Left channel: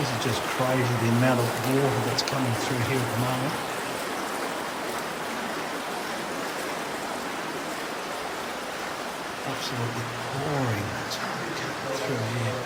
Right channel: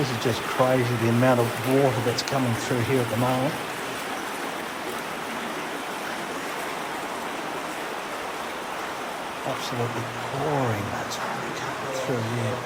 This is just crazy, the amount of water that's coming through here at the moment. Absolutely pouring through here.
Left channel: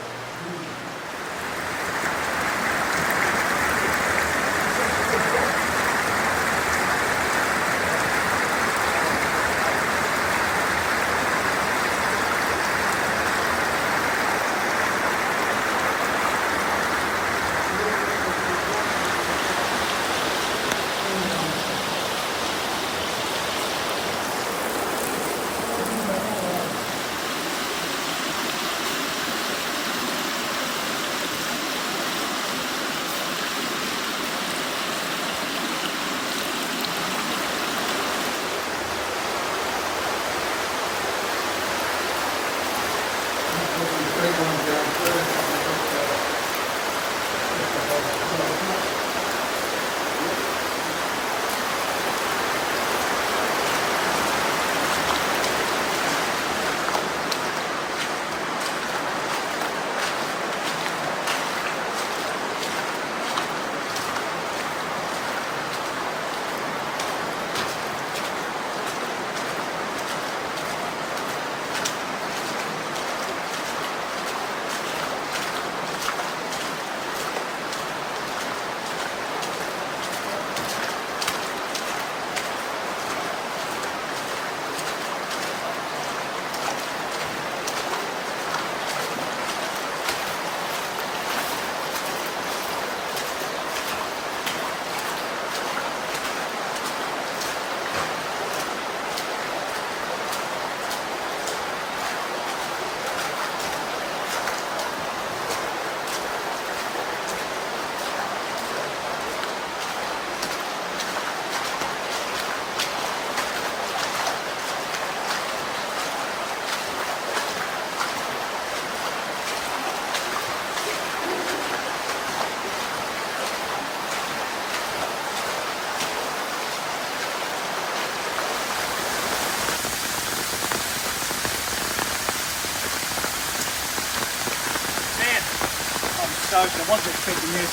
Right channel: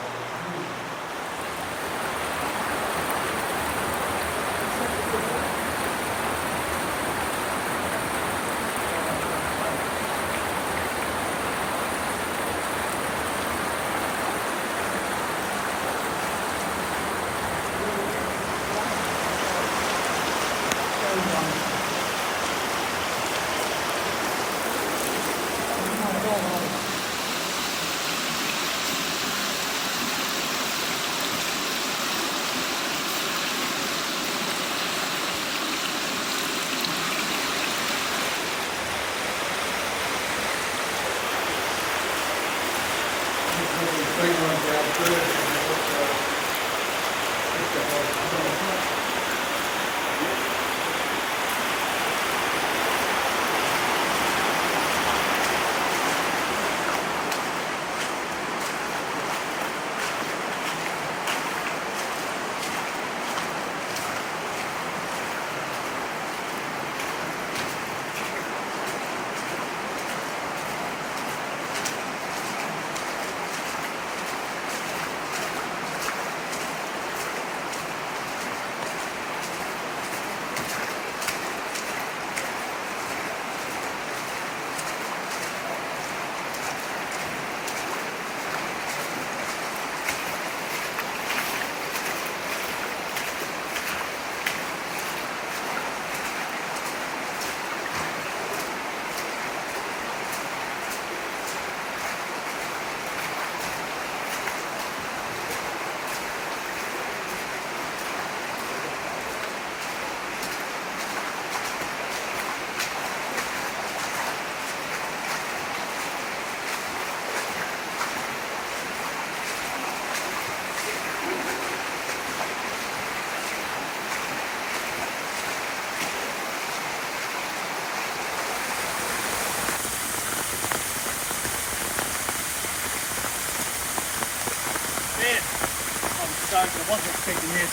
I wasn't expecting this.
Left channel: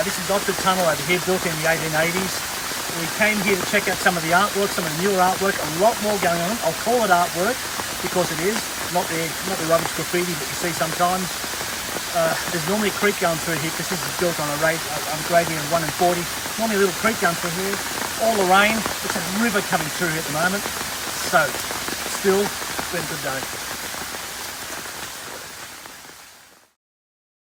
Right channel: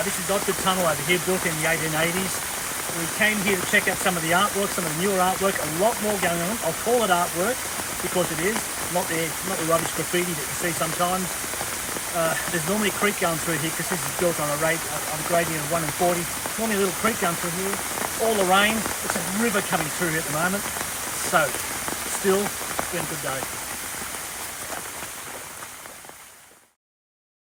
This is Otford Tunnel over here, built in the 1880s. We came here to check out some of the artwork, some of the newer artwork, a lot more going on. I'll call it artwork because it is, not the rubbish graffiti that you see sometimes. There's normally a creek going through here because this is built on a gradient of 1 in 40. Normally a little creek going through here. All the rain, it's a river coming through at the moment. So, still, it's been a good day.